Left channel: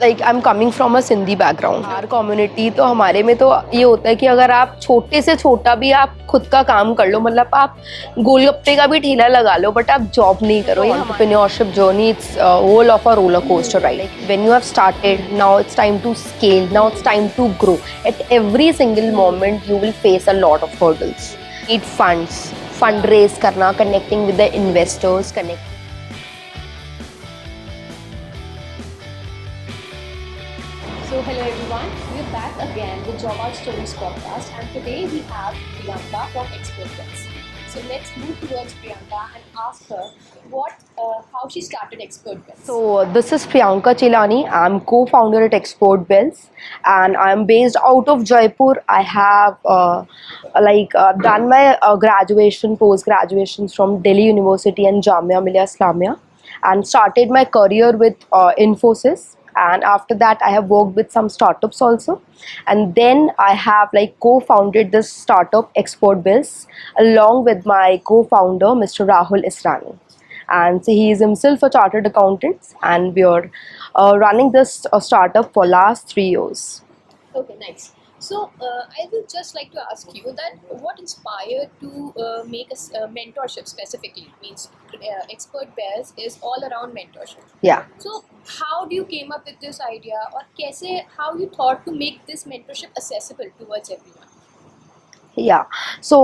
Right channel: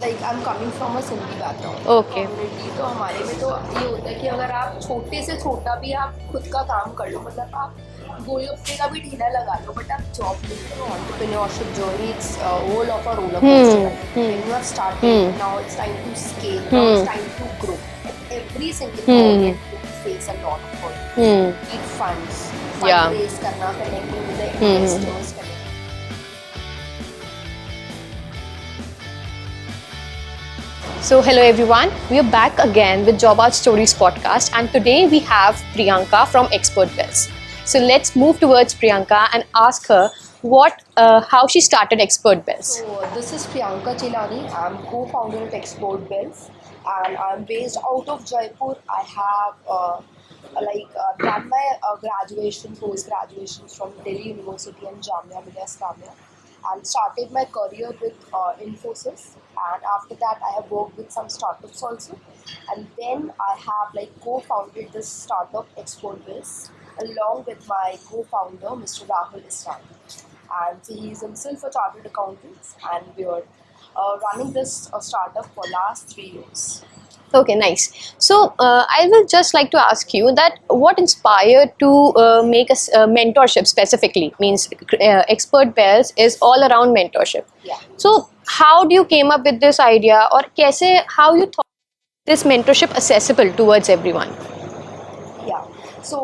Like I am coming from a Sindhi बैकग्राउंड और कम्युनिटी, तो हमारे में तो ये होता है कि अगर आप छोटे से छोटा भी आप खुद का काम कर लो, मतलब आप गोलगप्पे का भी ठेला लगा लो, बट आप जॉब नहीं करो। Entrepreneurship journey, it's whole of a roller coaster ride. When you have started, now it's time to scale, now it's time to grow. At every single moment you will face a lot of hurdles. It funds, fund raise करना, connecting with the investors, connect. So hello everyone, we are back again with Job Art Stories podcast, and today we have Priyanka from Expert Bells. So let's move towards Priyanka and ask her how she started Expert Bells. So this is Priyanka Chilani. I'm co-founder at Export Bells, and I'm based out of Jaipur. I have done my graduation, post-graduation from Delhi University and Jamia Millia Islamia, and started my career with Infosys. And after that I have worked with some startups also, and then I have co-founded this startup Export Bells along with my co-founder Mr. Rahul Israni, and so he is himself a chartered accountant, and we are running this startup for last 3 years. Okay, nice. So I will just like to ask you that what inspired to make a mentorship specifically? Means Expert Bells is all around mentorship. Yeah. So how do you came up with this idea, or how you thought to make this mentorship accessible towards everyone? Yeah, so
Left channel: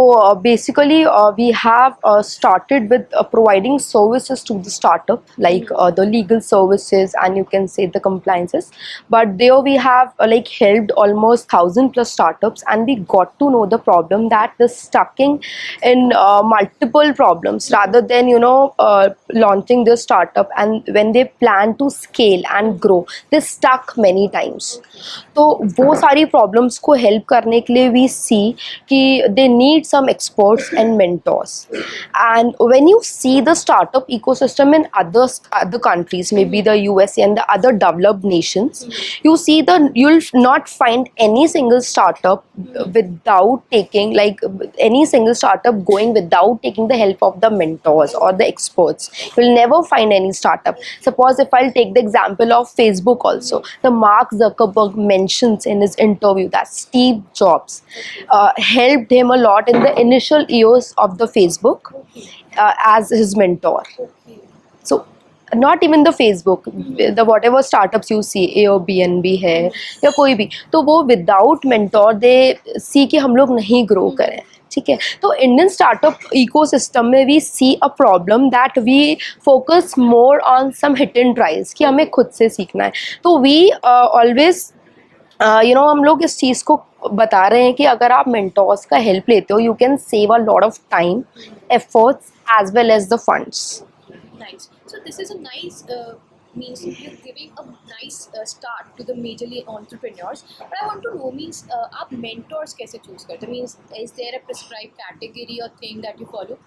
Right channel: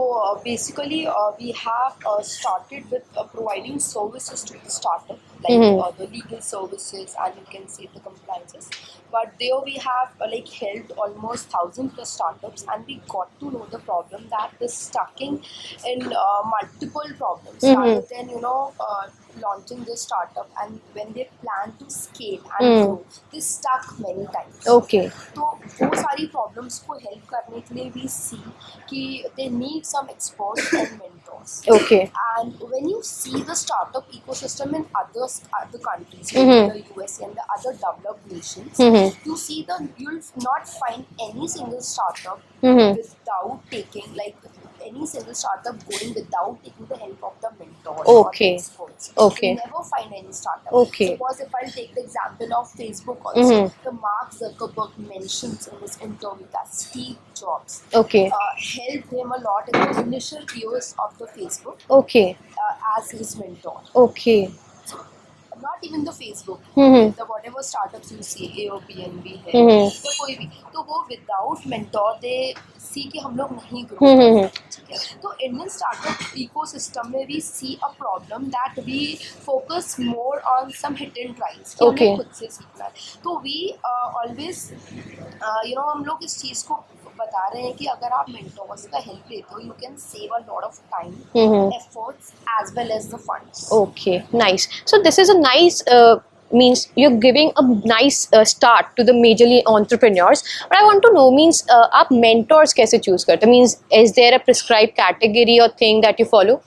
basically we have started with providing services to the startup, the legal services, and you can say the compliances. But there we have helped almost 1,000 plus startups, and we got to know the problem that they're stucking in multiple problems rather than launching this startup, and when they plan to scale and grow, they stuck many times. Okay. तो वो सारी प्रॉब्लम्स को हेल्प करने के लिए वी सी कि they need some experts and mentors. Okay. And when you see the startup ecosystem in other countries, maybe the USA and the other developed nations, you'll not find any single startup without taking any single startup going without taking the help of the mentors or the experts. Okay. You'll never find any startup. Okay. Suppose if I'll take the example of Facebook also, the Mark Zuckerberg mentions in his interview that Steve Jobs helped him a lot in the initial years of the Facebook. Okay. As his mentor. Okay. So not even the Facebook, the whatever startups you see, Airbnb है या कोई भी, तो वो without mentor they see कि हम लोग नहीं grow करें. ठीक है, तो Indian startup ecosystem में we see a problem that we focus more on some hit and tries कि हमें खुद से सीखना है. तो we always हम लोग इस चीज़ को बता रहे हैं कि अगर आप मेंटोर्स का हेल्प लेते हो, you can save a lot of time, efforts as well as the funds. Okay, nice. So this is a nice means you're giving a nice start to the majorly entrepreneurs. But I want to know means आप mentors कैसे choose करते? Means is there a prescribed category or thing that you follow?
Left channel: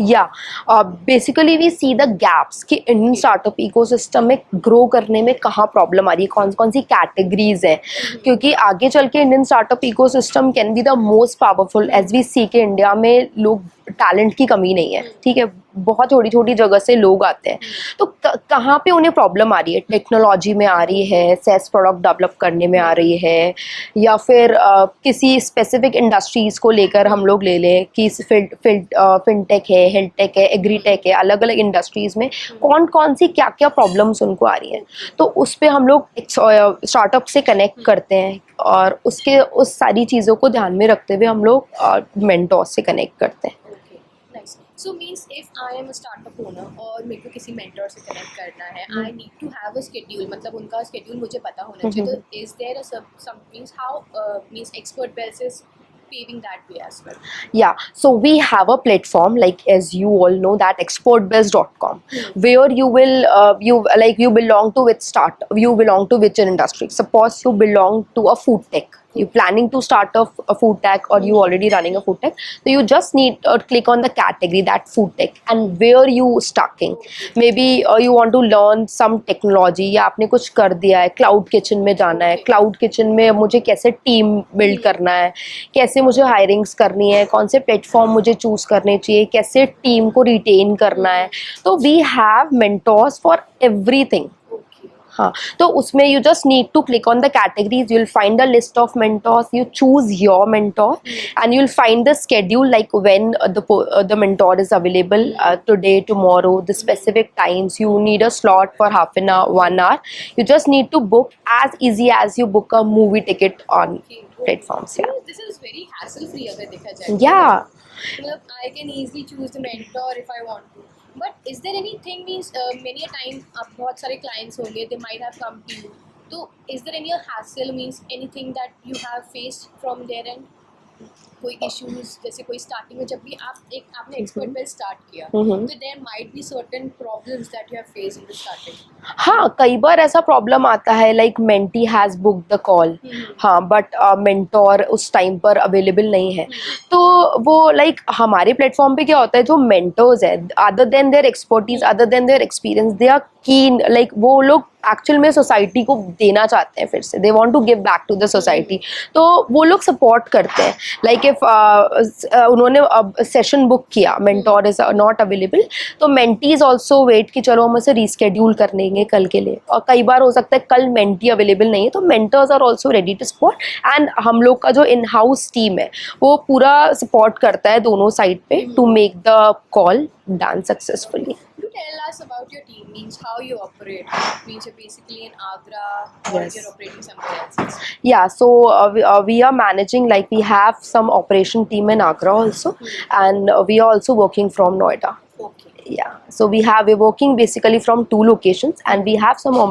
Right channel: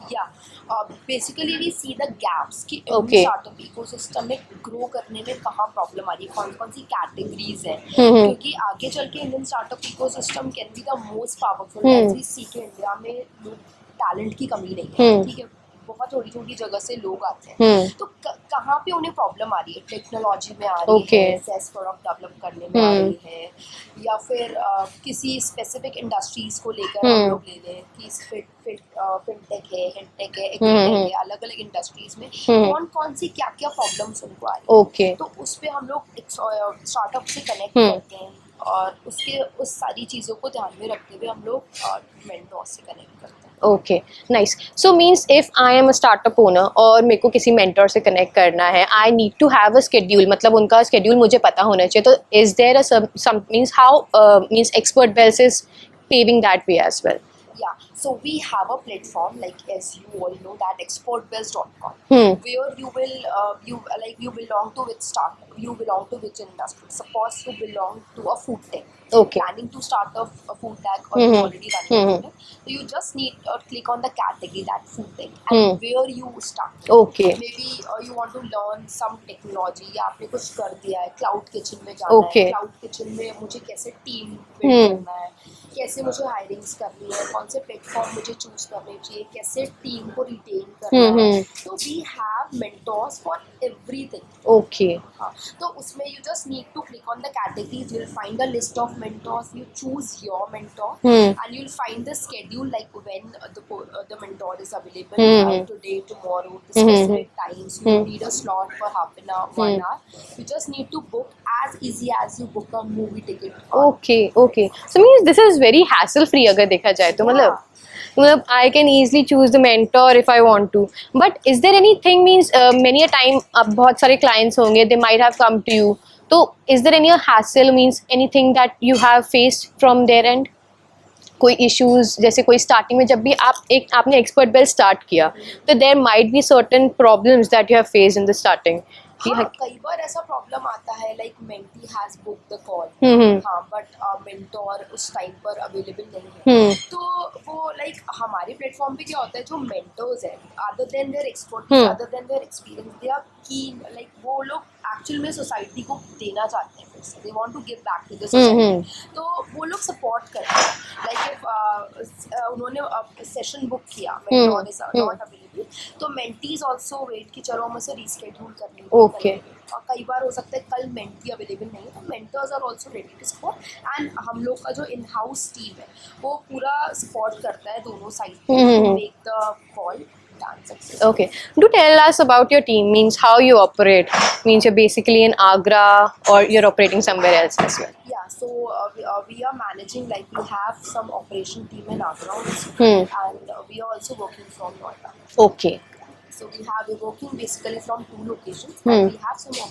Basically we see the gaps कि Indian startup ecosystem में grow करने में कहाँ प्रॉब्लम आ रही है, कौन कौन सी कैटेगरीज हैं, क्योंकि आगे चल के Indian startup ecosystem can be the most powerful. As we see के इंडिया में लोग टैलेंट की कमी नहीं है. ठीक है, बहुत छोटी छोटी जगह से लोग आते हैं, तो कहाँ पे उन्हें प्रॉब्लम आ रही है? टेक्नोलॉजी में आ रही है, सेस प्रोडक्ट डेवलप करने में आ रही है, या फिर किसी स्पेसिफिक इंडस्ट्रीज को लेकर हम लोग ले लें कि फिनटेक है, हेल्थ टेक है, एग्रीटेक है, अलग अलग इंडस्ट्रीज में कौन कौन सी क्या क्या प्रॉब्लम्स उनको आ रही है. तो उस पर हम लोग स्टार्टअप से कनेक्ट करते हैं, और उस सारी चीज़ों को ध्यान में रखते हुए हम लोग मेंटोर से कनेक्ट करते हैं. Okay, nice. So means if I am a startup owner और मेरे को किसी मेंटोर से कनेक्ट करना है, I need to have a schedule, मतलब उनका शेड्यूल मुझे पता होना चाहिए. तो is there a some means how means Expert Bells is paving that way as well? Yeah, so we have a platform, as you all know, that exportbells.com, where you belong to which industry. Suppose you belong to a food tech, you're planning to start a food tech, or you're already running a food tech, so you just need to click on the category, that food tech, and where you stuck in. Maybe you want to learn some technology, या आपने कुछ कर दिया है, cloud kitchen में जाना है, cloud kitchen में मुझे कैसे टीम बिल्ड करना है, कैसे मुझे हायरिंग्स करनी है, कौन से प्लेटफॉर्म मुझे चूज करने चाहिए, कैसे टीम को रिटेन करना है. तो we have mentors for everything. Okay. हाँ, तो उसमें you just need to click on the categories. You'll find a list of mentors. You choose your mentor, and you'll find the schedule, like when the mentor is available, today, tomorrow, the specific times. You need a slot for half an hour, 1 hour. You just need to book as easy as you book a movie ticket on Okay. platforms. So means this is very hassle free अगर देखा जाए तो Yeah. मतलब I can easily choose the mentor if I want to. But is there anything means many a time अब बहुत सारे clients होंगे, they might have come to you. तो is there any hassle means anything that you have faced from their end? कोई इश्यूज जैसे कोई स्टार्टिंग में जब भी आपने एक्सपर्ट बेल स्टार्ट किया तो there might be certain problems that you have faced in the starting. हाँ, कई बार ऐसा प्रॉब्लम आता है, like mentee has book the call, हाँ, बट मेंटोर उस टाइम पर अवेलेबल नहीं है. तो वो लाइक हमारे प्लेटफॉर्म पे क्या होता है, जो मेंटर्स है, other than their expertise, other than their experience, they are keen, like वो लोग एक्चुअल में सोसाइटी को देना चाहते हैं फिर से, they want to give back to the society. तो वो लोग सपोर्ट करते हैं. लाइक इफ उन्होंने सेशन बुक किया, मेंटोर इज नॉट अवेलेबल, तो मेंटीज आल्सो वेट कि चलो हम उसे रीस्केड्यूल कर लेंगे कल के लिए. और कई बार हो सकता है कल मेंटी अवेलेबल नहीं है, तो mentors are also ready to support. And हम लोग का जो इन हाउस टीम है वो पूरा सपोर्ट करता है दोनों साइड पे to make the call done successfully. Okay. Do tell us about your team, means how you operate. Means you're basically in Agra or you're operating somewhere else as well. Yeah, so we are managing, like we have some operation team in Agra also, and we are also working from Noida. Okay. Yeah, so we're working basically from 2 locations, and we have some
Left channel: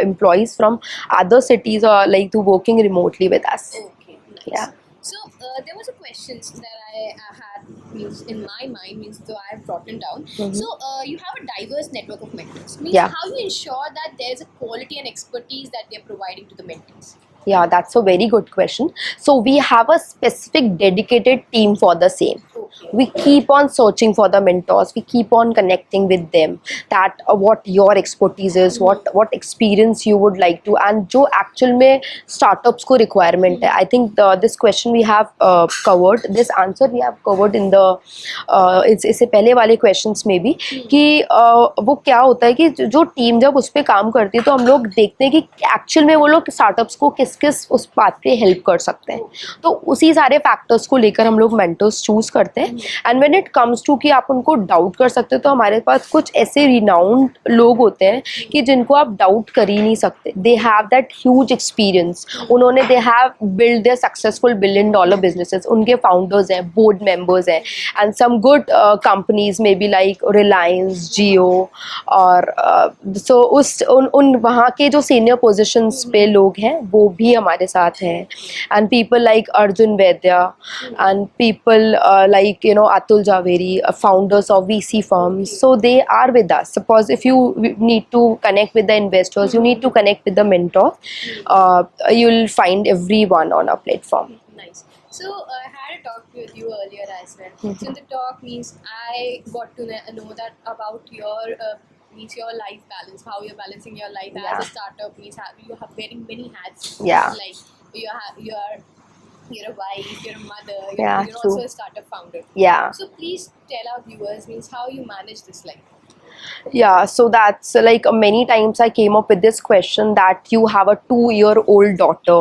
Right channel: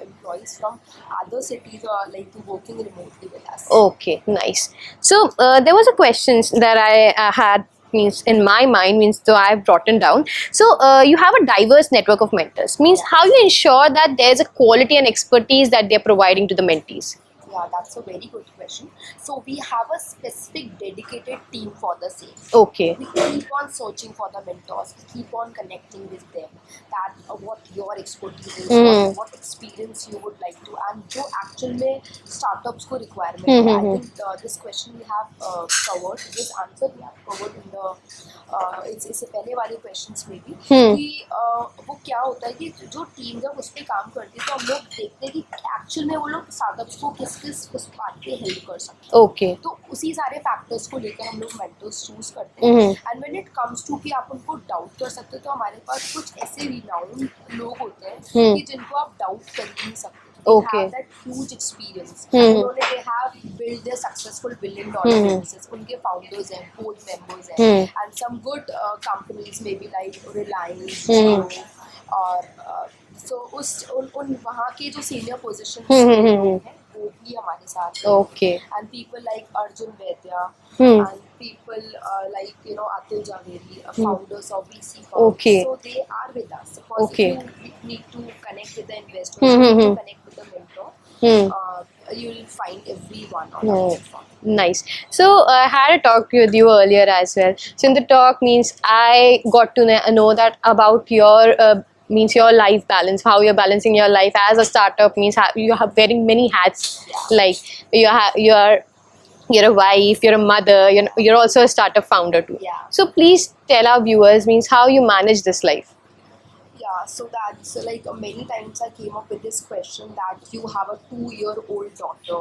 employees from other cities or like to working remotely with us. Okay, nice. So there was a question that I had means in my mind, means so I've brought it down. So you have a diverse network of mentors, means how you ensure that there's a quality and expertise that they're providing to the mentees. Yeah, that's a very good question. So we have a specific dedicated team for the same. Okay. We keep on searching for the mentors. We keep on connecting with them. That what your expertise is, what experience you would like to, and जो actual में startups को requirement है. I think this question we have covered. This answer we have covered in the इससे पहले वाले questions में भी कि वो क्या होता है कि जो टीम जब उस पर काम करती है तो हम लोग देखते हैं कि actual में वो लोग startups को किस उस बात पे हेल्प कर सकते हैं. Okay. तो उसी सारे फैक्टर्स को लेकर हम लोग मेंटर्स चूज करते हैं. And when it comes to कि आप उनको डाउट कर सकते हो, तो हमारे पास कुछ ऐसे रिनाउंड लोग होते हैं कि जिनको आप डाउट कर ही नहीं सकते. They have that huge experience. उन्होंने they have build their successful $1 billion businesses. उनके फाउंडर्स हैं, बोर्ड मेंबर्स हैं, एंड सम गुड कंपनीज में भी लाइक रिलायंस, जियो, और सो उन वहाँ के जो सीनियर पोजिशंस पे लोग हैं वो भी हमारे साथ हैं. And people like Arjun Vaidya, and people like Atul Javeri, founders of VC firms. So they are with us. Suppose if you need to connect with the investors, you need to connect with the mentor, you'll find everyone on our platform. Nice. So I had a talk with you earlier as well. So in the talk means I got to know that about your means your life balance, how you're balancing your life as a startup, means you have wearing many hats. Yeah. Like you're a wife, you're a mother, you're also a startup founder too. Yeah. So please tell our viewers means how you manage this life. Yeah, so that's like many times I came up with this question that you have a 2-year-old daughter.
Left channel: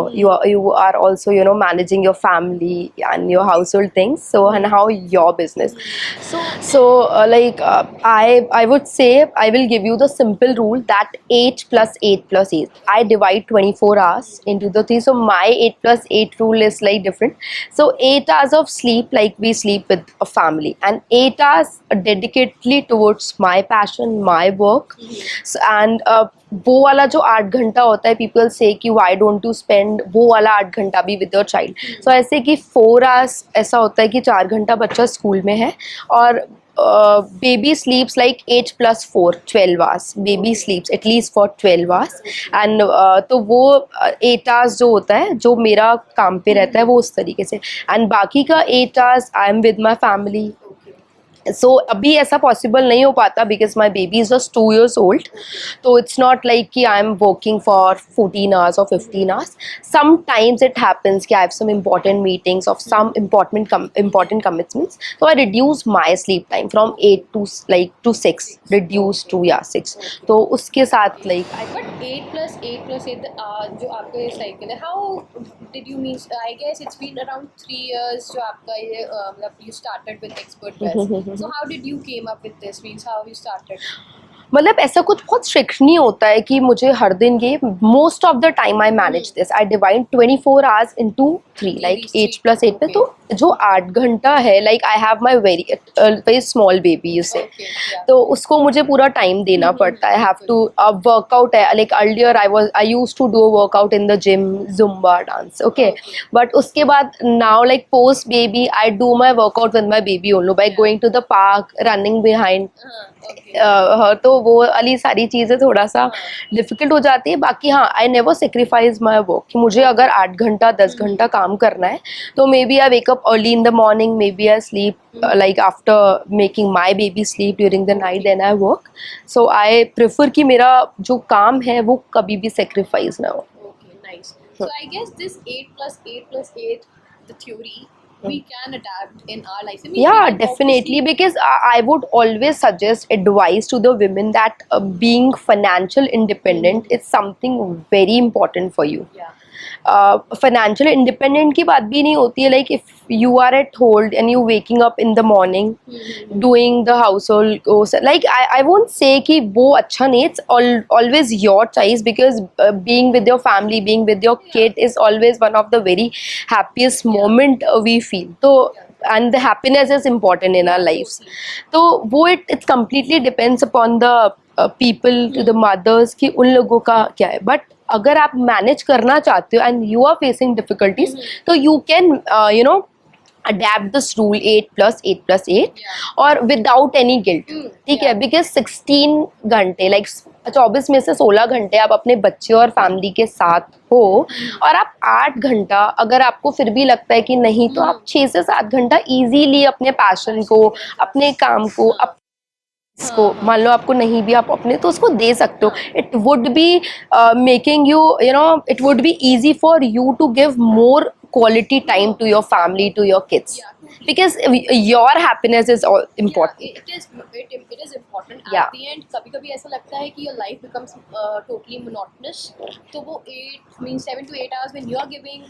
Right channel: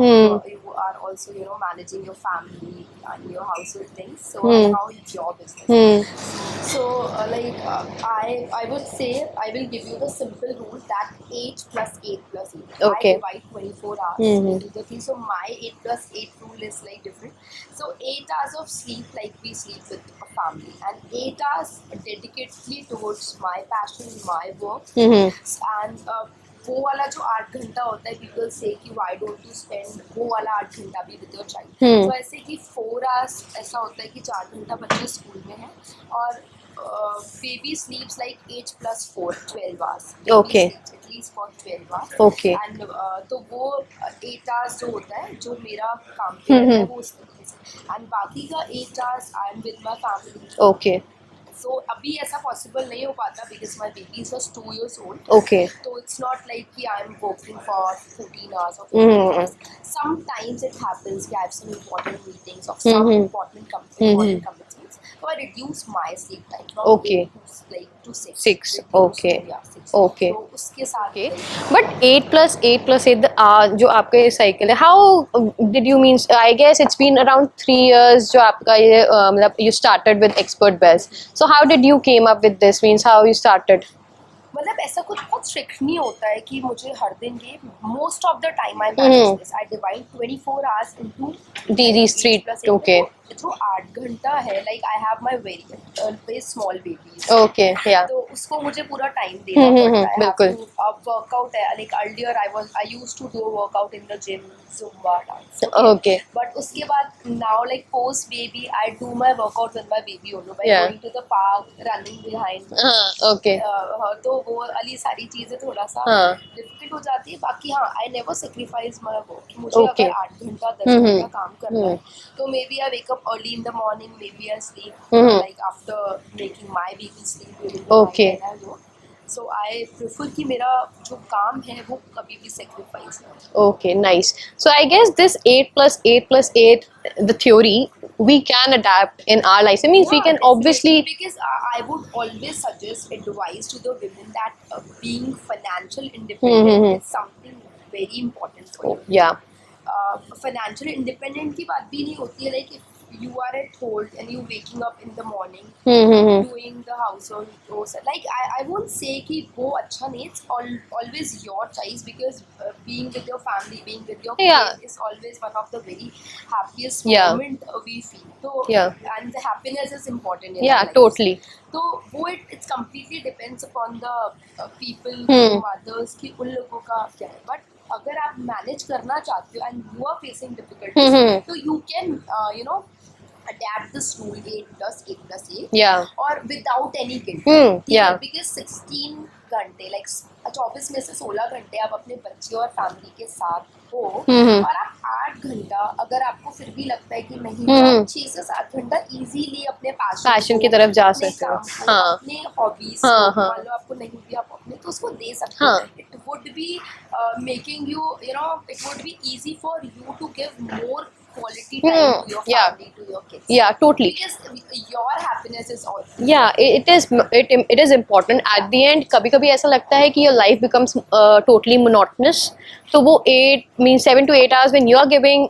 You are also managing your family and your household things. So and how your business. So like I would say I will give you the simple rule that 8 plus 8 plus 8. Okay. I divide 24 hours into the 3. So my 8 plus 8 rule is like different. So 8 hours of sleep, like we sleep with a family, and 8 hours dedicatedly towards my passion, my work. So, and वो वाला जो 8 घंटा होता है, पीपल से कि why don't you spend वो वाला 8 घंटा भी विद योर चाइल्ड. तो ऐसे कि 4 hours ऐसा होता है कि 4 घंटा बच्चा स्कूल में है, और baby sleeps like 8 plus 4, 12 hours. Baby sleeps at least for 12 hours. Okay. And तो वो 8 hours जो होता है, जो मेरा काम पे रहता है, वो उस तरीके से. And बाकी का 8 hours I am with my family. Okay. सो अभी ऐसा पॉसिबल नहीं हो पाता because my baby is just 2 years old. Okay. तो इट्स नॉट लाइक कि I am working for 14 hours or 15 hours. Sometimes it happens कि I have some important meetings of some important commitments. So I reduce my sleep time from Okay. 8 to like to 6. Six. Reduce Okay. to 6. Okay. तो उसके साथ Okay. like But 8 + 8 + 8 जो आपका ये साइकिल है, how did you mean? I guess it's been around 3 years जो आपका ये मतलब you started with Expert Bells. So how did you came up with this? Means how you started? मतलब ऐसा कुछ बहुत स्ट्रिक्ट नहीं होता है कि मुझे हर दिन ये most of the time I manage this I divide 24 hours into 3 These three, 8 + 8 okay. तो जो 8 घंटा है like I have my very small baby Okay, yeah. तो उसको मुझे पूरा टाइम देना पड़ता है हैव टू अब वर्कआउट है like earlier I used to do workout in the gym Zumba dance Okay. Okay but उसके बाद now like post baby I do my workout with my baby only by Yeah. Going to the park running behind Okay. तो वो वाली सारी चीजें थोड़ा सा हाँ. डिफिकल्ट हो जाती है बाकी हाँ I never sacrifice my work कि मुझे Okay. अगर 8 घंटा 10 घंटा काम करना है तो may be I wake up early in the morning may be I sleep like after making my baby sleep during the night Okay. And I work so I prefer कि मेरा जो काम है वो कभी भी सेक्रीफाइस ना हो. Okay, nice. So I guess this 8 + 8 + 8, the theory we can adapt in our life. I mean, we can definitely, obviously. because I would always suggest advice to the women that being financial independent is something very important for you. Yeah. Financial independent की बात भी नहीं होती है like if you are at home and you waking up in the morning doing the household chores, like I won't say कि वो अच्छा नहीं, it's always your choice because being with your family, being with your Yeah. kid is always one of the very happiest Yeah. moment we feel. तो Yeah. and the happiness is important in our Yeah, lives. totally. तो वो it's completely depends upon the people, to the mothers कि उन लोगों का क्या है. But अगर आप मैनेज करना चाहते हो and you are facing difficulties तो you can you know adapt this rule 8 + 8 + 8 Yeah. और without any guilt. ठीक yeah. है because 16 घंटे like 24 में से 16 घंटे आप अपने बच्चे और फैमिली के साथ हो और आप 8 घंटा अगर आपको फिर भी लगता है कि नहीं तो आप 6 से 7 घंटा इजीली अपने पैशन Passion को की तरफ जा अपने सकते हो. काम को हाँ. अपने हॉबीज को मान लो आपको नहीं भी आप अपने तो उसको दे सकते हो. हाँ. It would be making you you know it would be easy for you to give more quality time to your family, to your kids. Yeah, totally. Because your happiness is all important. Yeah, it is important. Yeah. At the end, कभी-कभी ऐसा लगता है कि your life becomes totally monotonous. तो वो 7 to 8 hours when you are giving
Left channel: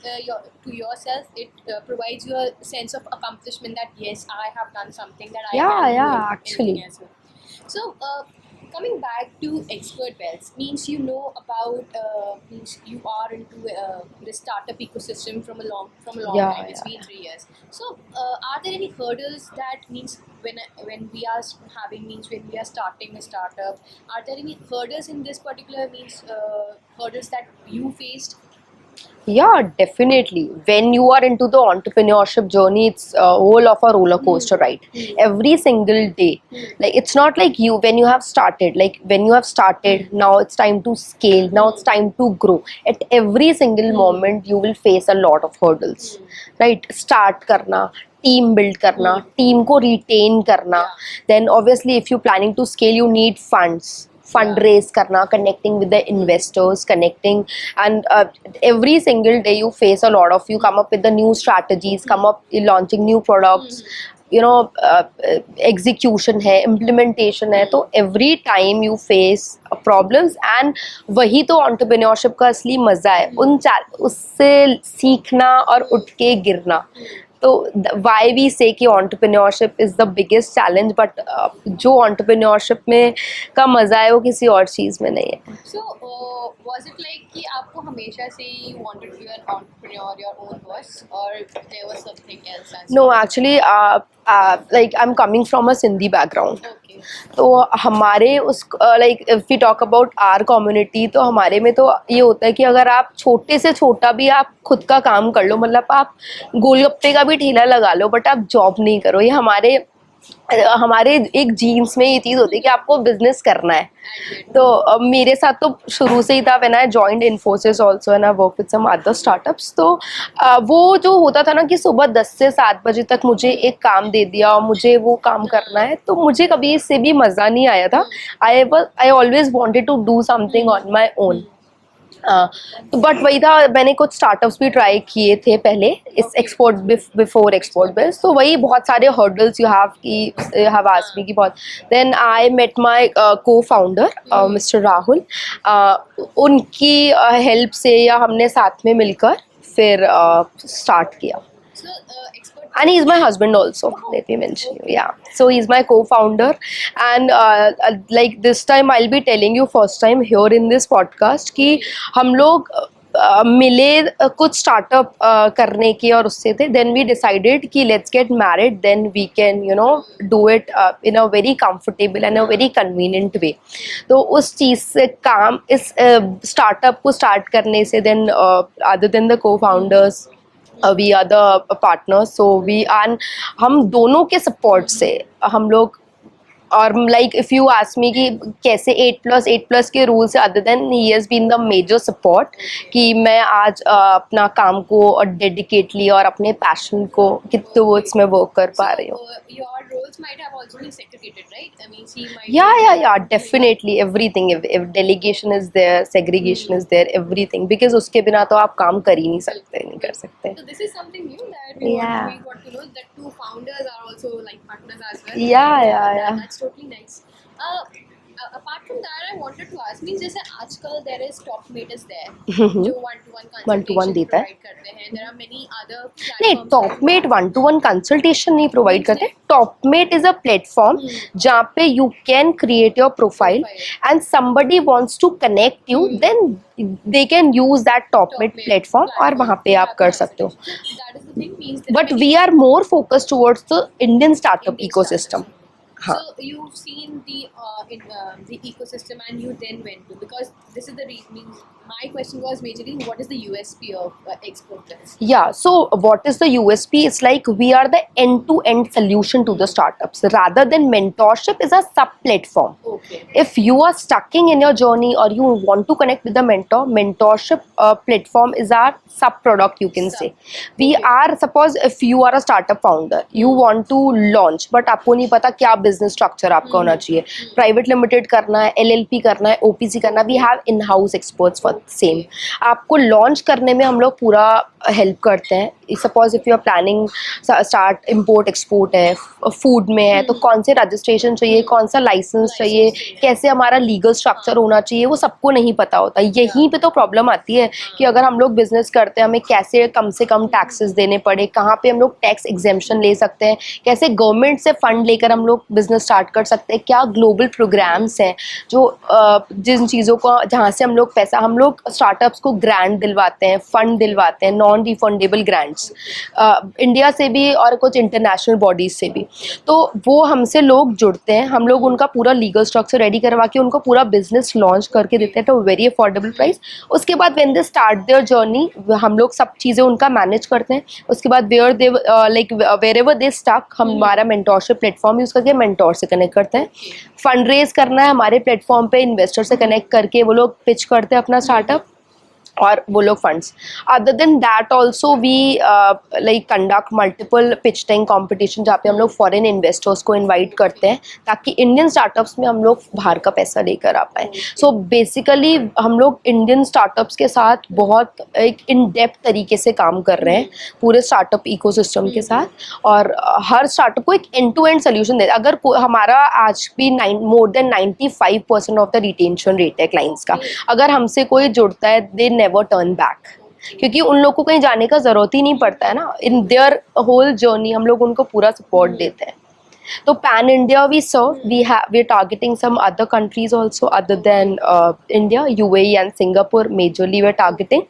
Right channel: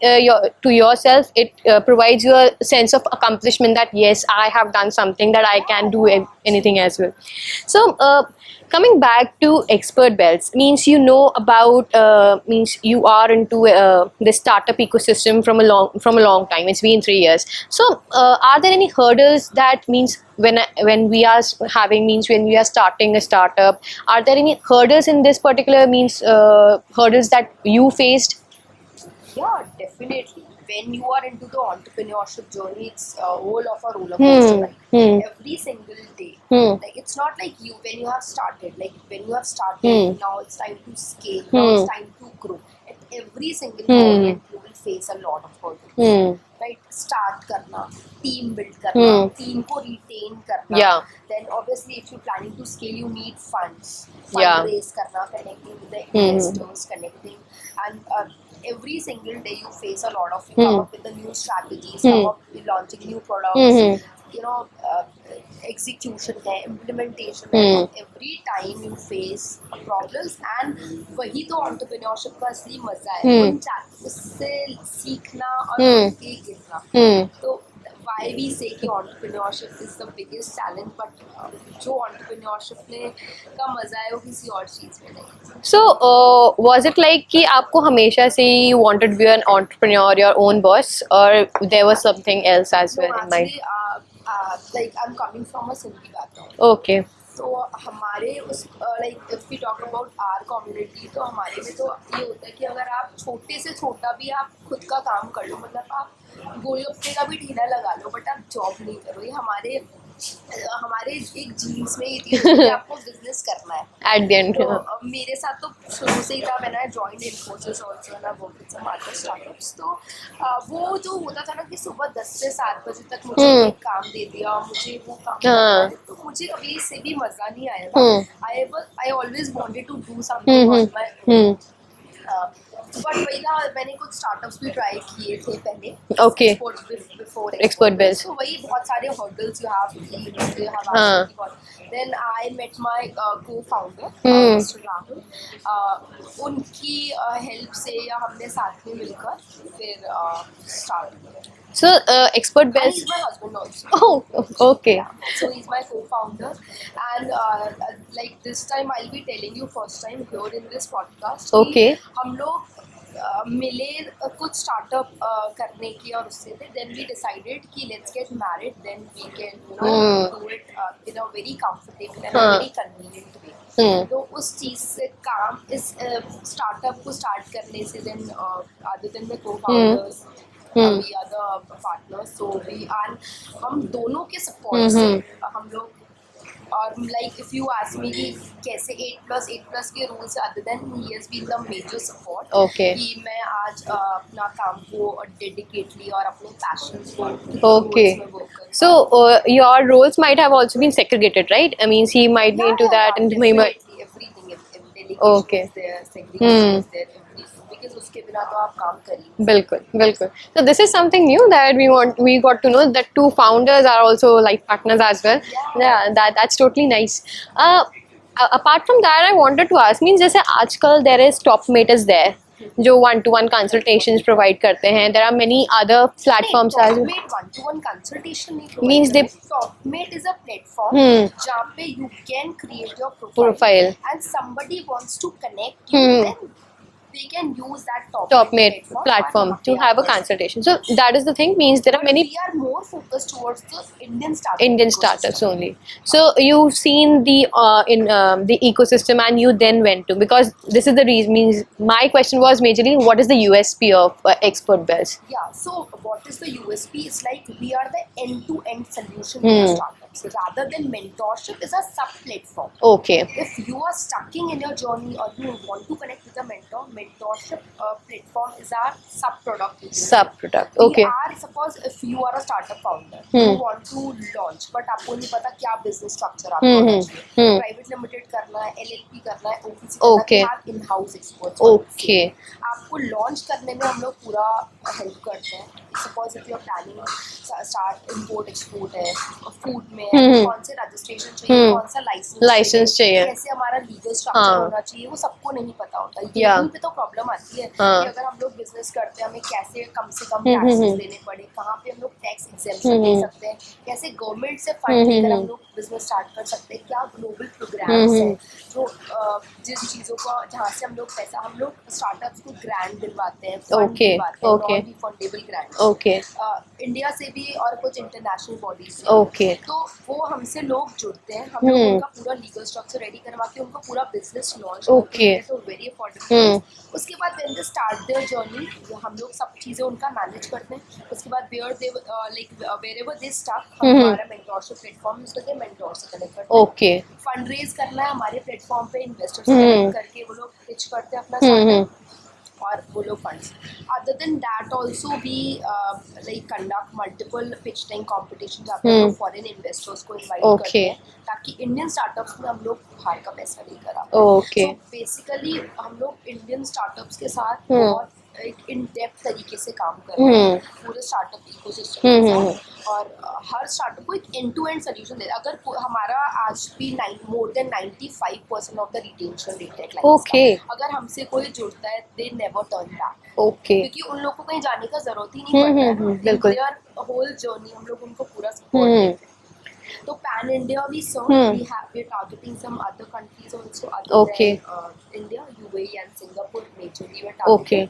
to yourself, it provides you a sense of accomplishment that yes, I have done something that I can do anything as well. So coming back to Expert Bells, means you know about means you are into the startup ecosystem from a long Yeah. time. It's been 3 years. So are there any hurdles that means when we are when we are starting a startup, are there any hurdles in this particular means hurdles that you faced? Yeah, definitely. When you are into the entrepreneurship journey, it's a whole of a roller coaster ride. Every single day. Like it's not like you when you have started. Like when you have started, now it's time to scale. Now it's time to grow. At every single moment, you will face a lot of hurdles. Right? Start karna. Team build करना, team को retain करना. Yeah. Then obviously if you're planning to scale, you need funds. Fundraise करना, connecting with the investors, connecting, and every single day you face a lot of, you come up with the new strategies, come up launching new products, you know, execution है, implementation है, तो every time you face problems and वही तो entrepreneurship का असली मजा है, उससे सीखना और उठ के गिरना. तो why we say कि entrepreneurship is the biggest challenge, but जो entrepreneurship में का मजा है वो किसी और चीज में नहीं है. So was it like कि आपको हमेशा से you wanted to be an entrepreneur, your own boss, or there was something else as well? No, actually like I'm coming from a Sindhi background. Okay. तो हमारे उस like if we talk about our community, तो हमारे में तो ये होता है कि अगर आप छोटे से छोटा भी आप खुद का काम कर लो, मतलब आप गोलगप्पे का भी ठेला लगा लो, बट आप जॉब नहीं करो. ये हमारे हमारे एक जीन्स में ये चीज होती है कि आपको बिजनेस करना है एट द एंड। तो मेरे साथ तो शुरू से ही था when I joined Infosys also and I work with some other startups तो वो जो होता था ना कि सुबह 10 से 7 बजे तक मुझे एक काम दे दिया और मुझे वो काम करना है तो मुझे कभी इससे भी मजा नहीं आया था I always wanted to do something on my own but वही था मैंने कुछ स्टार्टअप्स भी ट्राई किए थे पहले एक्सपोर्ट बिफोर एक्सपोर्ट सो वही बहुत सारे hurdles you have asked me की बहुत देन आई मेट माय को फाउंडर मिस्टर राहुल उनकी हेल्प से या हमने साथ में मिलकर फिर स्टार्ट किया. So, expert and he's my husband also. Oh, let me mention. okay. Yeah. So he's my co-founder, and like this time I'll be telling you first time here in this podcast कि हम लोग मिले कुछ स्टार्टअप करने की और उससे थे देन वी डिसाइडेड कि let's get married then we can you know do it in a very comfortable and a very convenient way. तो उस चीज़ से काम इस स्टार्टअप को स्टार्ट करने से देन अदर देन द को founders we are the partners so we are हम दोनों के सपोर्ट से हम लोग और like if you ask me कि कैसे 8+8+ के रूल से other than he has been the major support कि मैं आज अपना काम को और डेडिकेटली और अपने पैशन को टुवर्ड्स में वर्क कर पा रही हूं. So your roles might have also been segregated, right? I mean, he might yeah definitely everything if delegation is there segregation is there everything because उसके बिना तो आप काम कर ही नहीं सकते. बिल्कुल. So this is something new that we got to know that two founders are also life partners as well. That's totally nice. Apart from that, I wanted to ask, means जैसे आजकल there is Topmate is there, जो 1-to-1 consultations provide करते हैं. There are many other platforms. Topmate 1-to-1 consultation नहीं provide करते. Topmate is a platform जहाँ पे you can create your profile and somebody wants to connect you, then they can use that Topmate platform और वहाँ पे आप कर सकते हो. So that is the thing, means there but we are more focused towards the Indian startup ecosystem only. So you've seen the ecosystem and you then went to, because this is the reason, means my question was majorly what is the USP of Expert Bells? Yeah, so what is the USP? It's like we are the end-to-end solution to the startups rather than mentorship is a sub platform. Okay. If you are stuck in your journey or you want to connect with the mentorship platform is our sub product, you can say. We are, suppose if you are a startup founder, you want to launch but आपको नहीं पता क्या business structure आपका होना चाहिए, private limited करना है, LLP करना है, OPC करना है, we have in-house experts for same. आपको launch करने में हम लोग पूरा help करते हैं. Suppose if you are planning start import export है, food में है, तो कौन से registration चाहिए, कौन सा license चाहिए, कैसे हमारा legal structure होना चाहिए, वो सबको नहीं पता होता. यहीं पे तो प्रॉब्लम आती है कि अगर हम लोग बिजनेस करते हैं हमें कैसे कम से कम टैक्सेस देने पड़े, कहाँ पे हम लोग टैक्स एग्जेम्पशन ले सकते हैं, कैसे गवर्नमेंट से फंड लेकर हम लोग बिजनेस स्टार्ट कर सकते हैं, क्या ग्लोबल प्रोग्राम्स हैं जो जिन चीज़ों को जहाँ से हम लोग पैसा हम लोग स्टार्टअप्स को ग्रांट दिलवाते हैं, फंड दिलवाते हैं, नॉन रिफंडेबल ग्रांट्स इंडिया से भी और कुछ इंटरनेशनल बॉडीज से भी. तो वो हमसे लोग जुड़ते हैं, हम लोग उनका पूरा लीगल स्ट्रक्चर रेडी करवा के उनको पूरा बिजनेस लॉन्च करके देते हैं तो वेरी अफोर्डेबल प्राइस. उसके बाद when they start their journey हम लोग सब चीज़ें उनका मैनेज करते हैं. उसके बाद वेयरएवर दे स्टक हम हमारा मेंटोरशिप प्लेटफॉर्म यूज करके मेंटोर से कनेक्ट करते हैं. फंड रेज करना है हमारे प्लेटफॉर्म पे इन्वेस्टर से कनेक्ट करके वो लोग पिच करते हैं अपना स्टार्टअप और वो लोग funds. Other than that also we like conduct multiple pitch tank competition जहाँ पे हम लोग फॉरेन इन्वेस्टर्स को इनवाइट करते हैं ताकि इंडियन स्टार्टअप्स में हम लोग बाहर का पैसा लेकर आ पाए. सो बेसिकली हम लोग इंडियन स्टार्टअप्स के साथ बहुत एक इन डेप्थ तरीके से काम कर रहे हैं पूरे स्टार्टअप इकोसिस्टम के साथ और हर स्टार्टअप को एक एंड टू एंड सोल्यूशन दे. अगर हमारा आज भी more than 95% of the retention rate है क्लाइंट्स का. अगर हमसे कोई जुड़ता है दे नेवर टर्न बैक क्योंकि उन लोगों को कहीं जाने का जरूरत ही नहीं पड़ता है ना. इन देयर होल जर्नी हम लोग उनको पूरा सपोर्ट देते हैं. तो pan India we serve, we're targeting some other countries also other than India, UAE and Singapore majorly we're targeting.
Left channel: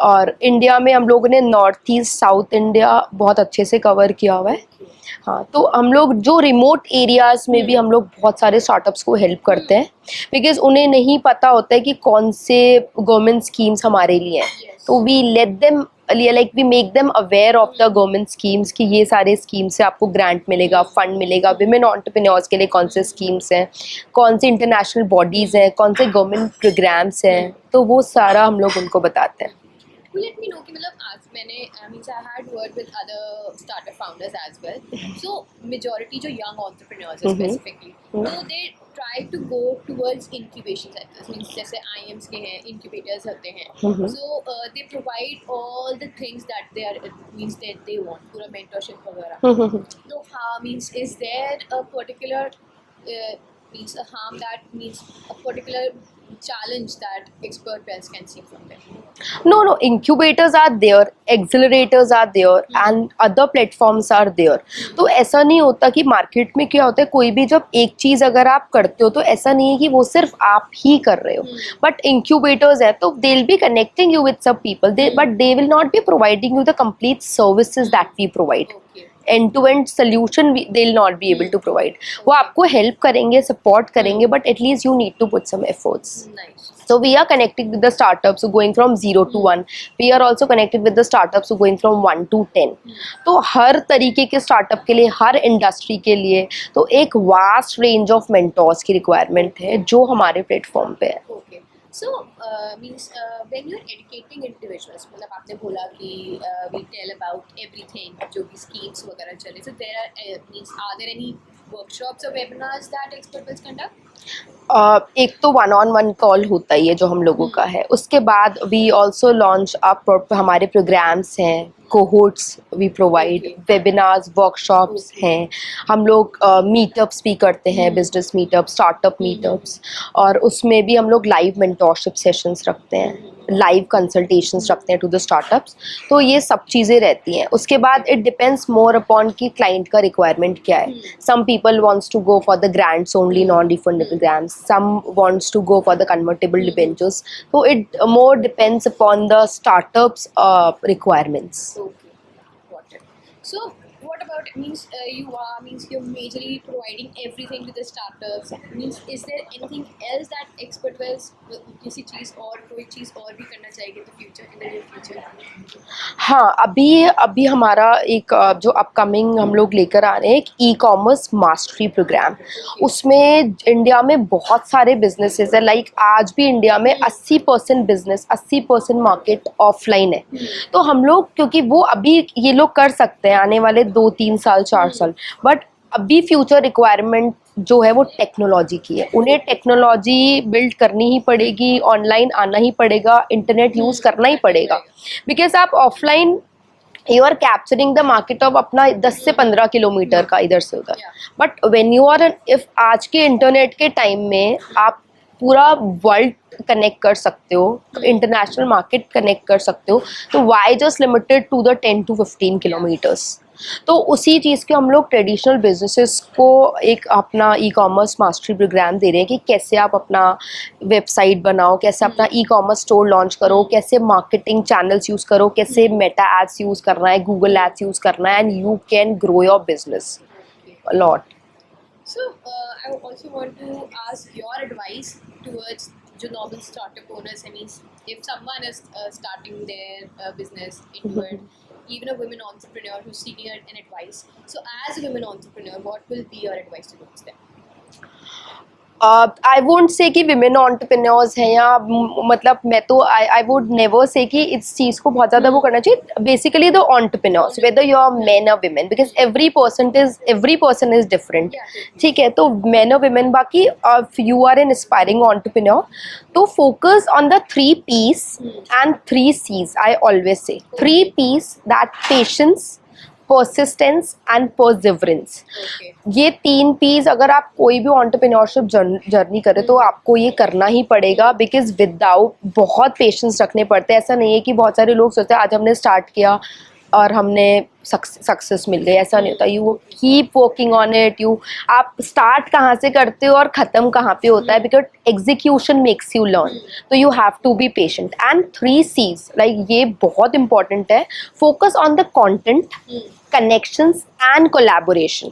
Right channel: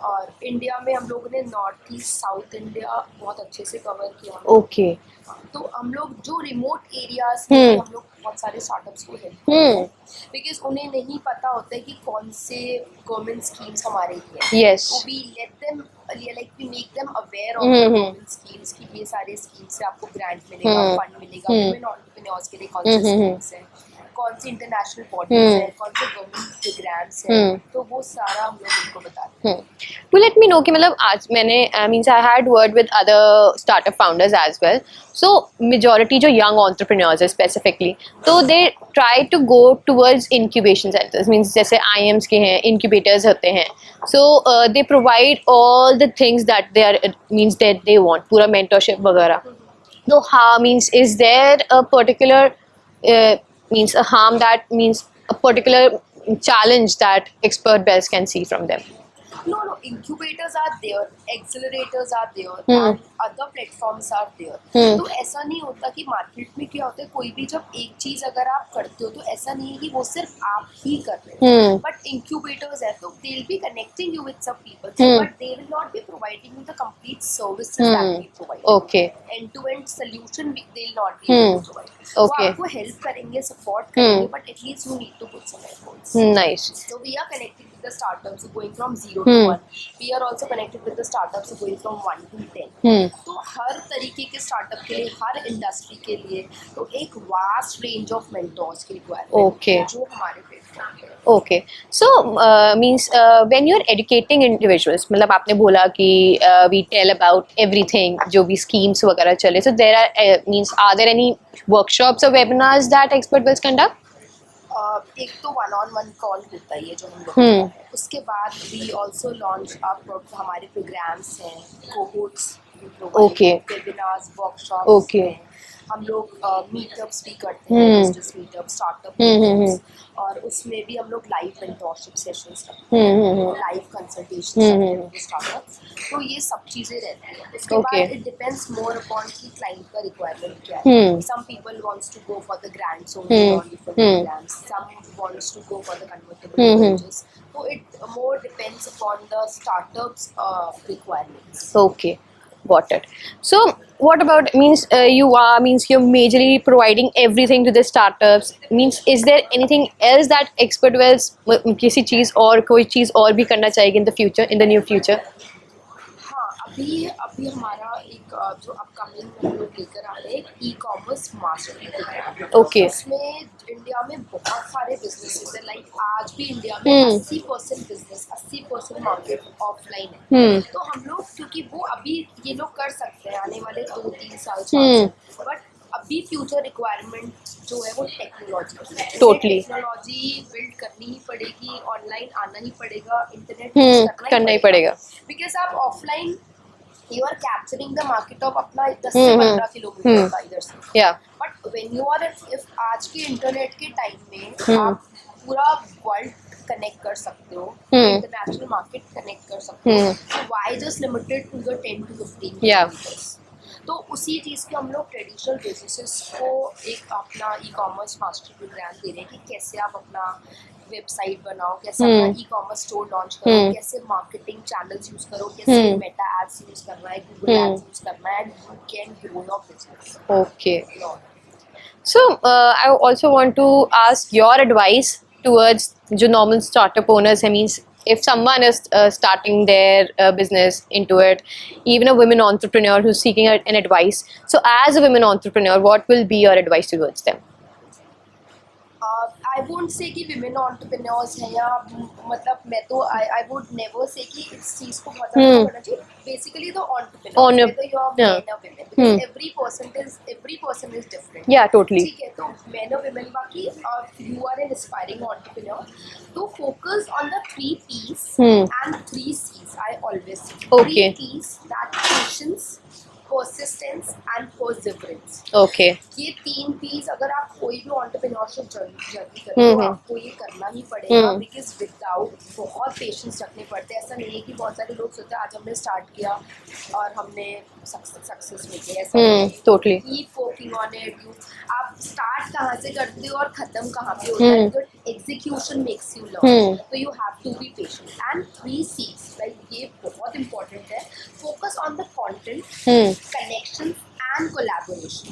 और इंडिया में हम लोगों ने नॉर्थ ईस्ट साउथ इंडिया बहुत अच्छे से कवर किया हुआ है. हाँ, तो हम लोग जो रिमोट एरियाज में भी हम लोग बहुत सारे स्टार्टअप्स को हेल्प करते हैं बिकॉज उन्हें नहीं पता होता है कि कौन से गवर्नमेंट स्कीम्स हमारे लिए हैं. तो we let them like we make them aware of the government schemes कि ये सारे स्कीम से आपको ग्रांट मिलेगा, फंड मिलेगा, विमेन एंटरप्रेन्योर्स के लिए कौन से स्कीम्स हैं, कौन सी इंटरनेशनल बॉडीज हैं, कौन से गवर्नमेंट प्रोग्राम्स हैं, तो वो सारा हम लोग उनको बताते हैं. To let me know कि मतलब आज मैंने means I had word with other startup founders as well. So majority जो young entrepreneurs है specifically, तो they try to go towards incubation centers. Means जैसे IIMs के हैं, incubators होते हैं. So they provide all the things that they are means that they want, पूरा mentorship वगैरह. तो हाँ means is there a particular means a harm that means a particular challenge that expert bells can see from them? No, incubators are there, accelerators are there, and other platforms are there. तो ऐसा नहीं होता कि मार्केट में क्या होता है, कोई भी जब एक चीज अगर आप करते हो तो ऐसा नहीं है कि वो सिर्फ आप ही कर रहे हो. बट इंक्यूबेटर्स है तो they will be connecting you with some people, but they will not be providing you the complete services that we provide. Okay. End to end solution they will not be able to provide. वो आपको help करेंगे, support करेंगे, but at least you need to put some efforts. Nice. So we are connected with the startups who going from 0 to 1. We are also connected with the startups who going from 1 to 10. तो हर तरीके के स्टार्टअप के लिए, हर इंडस्ट्री के लिए तो एक वास्ट रेंज ऑफ मेंटोर्स की रिक्वायरमेंट है जो हमारे प्लेटफॉर्म पे है. Okay. So means when you're educating individuals, मतलब आपने बोला कि we tell about everything जो भी schemes वगैरह चले. So there are means are there any workshops or webinars that expert will conduct? एक तो 1-on-1 कॉल होता ही है जो हम लोगों का है. उसके बाद वी ऑल्सो लॉन्च अप हमारे प्रोग्राम्स हैं, cohorts we provide, webinars, workshops हैं. हम लोग मीटअप्स भी करते हैं, बिजनेस मीटअप, स्टार्टअप मीटअप्स, और उसमें भी हम लोग लाइव मेंटोरशिप सेशंस रखते हैं, लाइव कंसल्टेशंस रखते हैं टू द स्टार्टअप्स. तो ये सब चीज़ें रहती हैं. उसके बाद इट डिपेंड्स मोर अपॉन कि क्लाइंट का रिक्वायरमेंट क्या है. Some people wants to go for the grants only, non refundable grants. some wants to go for the convertible debentures. So it more depends upon the startups requirements. Okay, got it. So what about means you are means you're majorly providing everything to the startups. Means is there anything else that expert wells किसी चीज और कोई चीज और भी करना चाहेगी in the future, in the near future? हाँ, अभी हमारा एक जो अपकमिंग हम लोग लेकर आ रहे हैं, एक ई-कॉमर्स मास्टरी प्रोग्राम. उसमें इंडिया में बहुत सारे बिजनेसेस है. लाइक आज भी इंडिया में 80% बिजनेस, 80% मार्केट ऑफलाइन है. तो हम लोग, क्योंकि वो अभी ये लोग कर सकते हैं आने वाले 2-3 साल, 4 साल, बट अभी फ्यूचर रिक्वायरमेंट जो है वो टेक्नोलॉजी की है. उन्हें टेक्नोलॉजी बिल्ड करनी ही पड़ेगी, ऑनलाइन आना ही पड़ेगा, इंटरनेट यूज करना ही पड़ेगा. बिकॉज आप offline you are capturing the market of अपना 10 से 15 किलोमीटर का इधर से उधर. But when you are if आज के इंटरनेट के टाइम में आप पूरा वर्ल्ड कनेक्ट कर सकते हो, इंटरनेशनल मार्केट कनेक्ट कर सकते हो, तो why just limited to the 10 to 15 kilometres. तो उसी चीज़ के हम लोग ट्रेडिशनल बिजनेसेस को एक अपना ई कॉमर्स मास्टरी प्रोग्राम दे रहे हैं कि कैसे आप अपना वेबसाइट बनाओ, कैसे अपना ई कॉमर्स स्टोर लॉन्च करो, कैसे मार्केटिंग चैनल्स यूज़ करो, कैसे मेटा एड्स यूज़ करना है, गूगल एड्स यूज़ करना है, and you can grow your business lot. So I also want to ask your advice towards जो normal startup owners है. Means if someone is starting their business into it, even a women entrepreneur who's seeking an advice, so as a women entrepreneur, what will be your advice towards them? I won't say कि women entrepreneurs हैं, या मतलब मैं तो I would never say कि इस चीज़ को बहुत ज़्यादा वो करना चाहिए. Basically the entrepreneurs, whether you are men और women, because every person is different. ठीक है, तो मेन और विमेन. बाकी if you are an aspiring entrepreneur, तो focus on the 3 P's and 3 C's. I always say 3 P's, that patience, persistence and perseverance. ये 3 P's अगर आप कोई भी एंटरप्रेन्योरशिप जर्नी करें तो आपको ये करना ही पड़ेगा. बिकॉज विदाउट बहुत पेशेंस रखने पड़ते हैं. ऐसा नहीं है कि बहुत सारे लोग सोचते हैं आज हमने स्टार्ट किया और हमने सक्सेस मिल गई. ऐसा नहीं होता. You keep working on it. आप स्टार्ट कहाँ से करते हो और ख़त्म कहाँ पे होता है, because execution makes you learn. तो you have to be patient. And 3 C's, like ये बहुत इंपॉर्टेंट है. Focus on the content, connections and collaboration.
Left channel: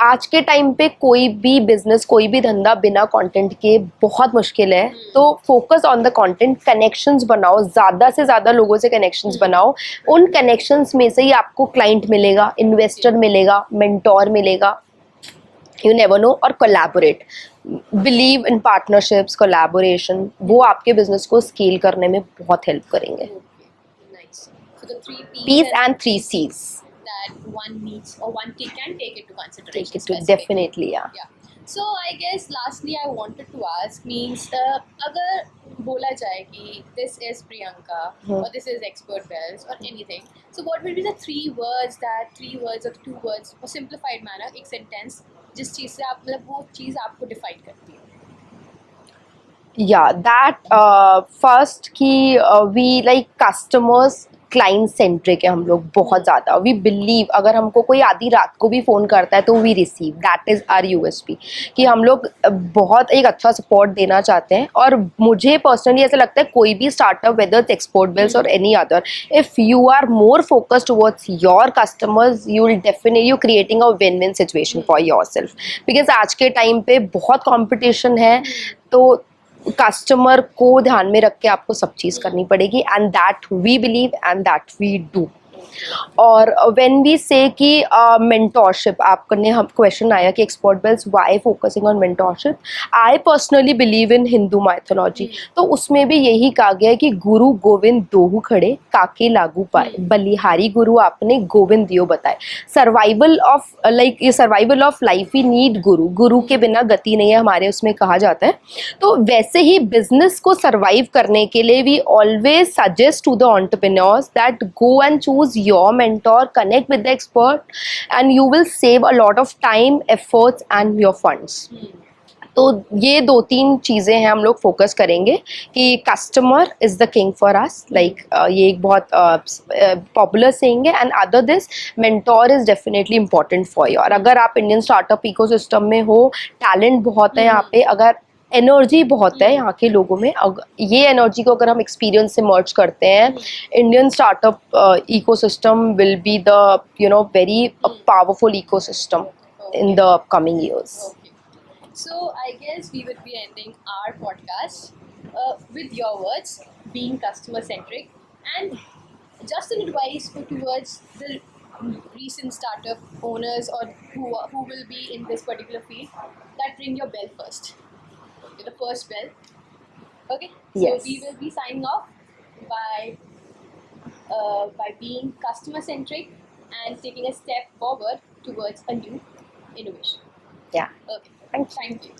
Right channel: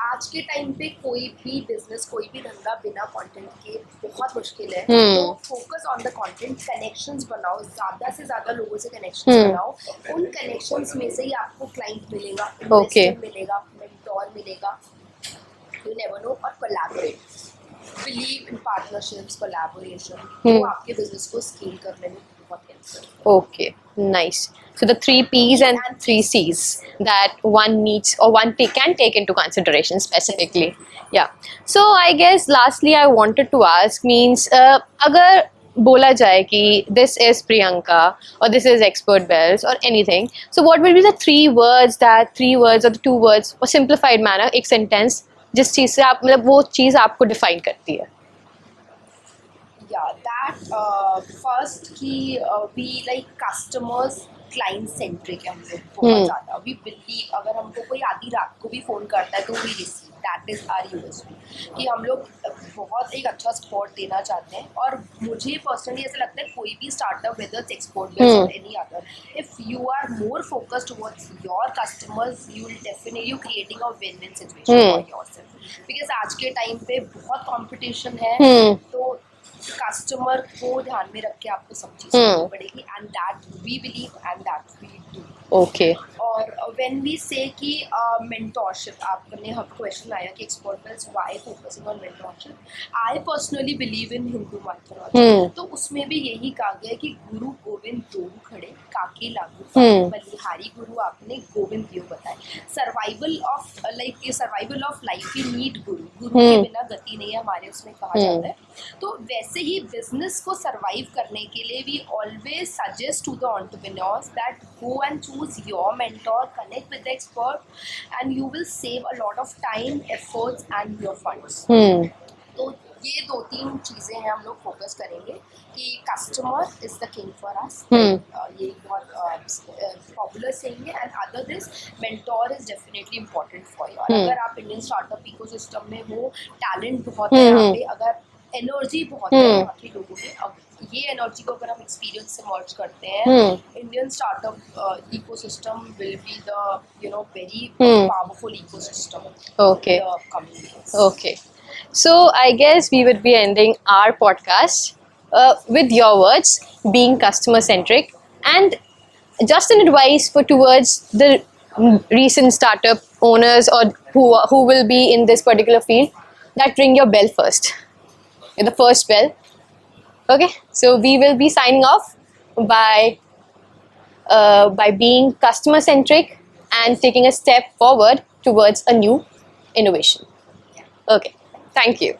आज के टाइम पे कोई भी बिजनेस, कोई भी धंधा बिना कंटेंट के बहुत मुश्किल है। तो focus on the content, connections बनाओ, ज़्यादा से ज़्यादा लोगों से कनेक्शंस बनाओ। उन कनेक्शंस में से ही आपको क्लाइंट मिलेगा, इन्वेस्टर मिलेगा, मेंटोर मिलेगा, यू नेवर नो। और collaborate, believe in partnerships, collaboration, वो आपके बिजनेस को स्केल करने में बहुत हेल्प करेंगे। Okay, nice. So the three P's and three C's that one needs or can take into consideration specifically. Definitely, yeah. Yeah. So I guess lastly I wanted to ask means अगर बोला जाए कि this is Priyanka or this is Expert Bells or anything, so what will be the three words or the two words or simplified manner, एक sentence जिस चीज से आप मतलब वो चीज आपको डिफाइन करती है? Yeah, that first कि we like customers client centric है हम लोग बहुत ज़्यादा। वी बिलीव, अगर हमको कोई आधी रात को भी फ़ोन करता है तो we receive, that is our USP, कि हम लोग बहुत एक अच्छा सपोर्ट देना चाहते हैं। और मुझे पर्सनली ऐसा लगता है कोई भी startup, whether it's export bills और any other, if you are more focused towards your customers, you will definitely you creating a win win situation for yourself. Because आज के टाइम पे बहुत कॉम्पिटिशन है, तो कस्टमर को ध्यान में रख के आपको सब चीज़ करनी पड़ेगी, and that we believe and that we do. Okay. और व्हेन वी से कि मेंटोरशिप, आपने हम क्वेश्चन आया कि Expert Bells why focusing on mentorship, I personally believe in Hindu mythology. तो उसमें भी यही कहा गया है कि गुरु गोविंद दोहु खड़े, काके लागू पाए, बलिहारी गुरु आपने गोविंद दियो बताए। Survival of life we need guru, guru के बिना गति नहीं है हमारे उसमें कहा जाता है। तो वैसे ही बिजनेस को सर्वाइव करने के लिए we always suggest to the entrepreneurs that go and choose your mentor, connect with the expert, and you will save a lot of time, efforts and your funds. तो ये 2-3 चीज़ें हैं हम लोग फोकस करेंगे कि customer is the king for us, like ये एक बहुत पॉपुलर सेइंग है। And other this, mentor is definitely important for you. और अगर आप इंडियन स्टार्टअप इकोसिस्टम में हो, टैलेंट बहुत है यहाँ पे, अगर एनर्जी बहुत है यहाँ के लोगों में, ये एनर्जी को अगर हम एक्सपीरियंस से मर्ज करते हैं, Indian startup ecosystem will be the very powerful ecosystem in the upcoming years. Okay. So I guess we would be ending our podcast with your words, being customer centric, and just an advice towards the recent startup owners or who will be in this particular field, that ring your bell first. The first bell. Okay. So we will be signing off by being customer centric and taking a step forward towards a new innovation. Yeah. Okay. Thank you.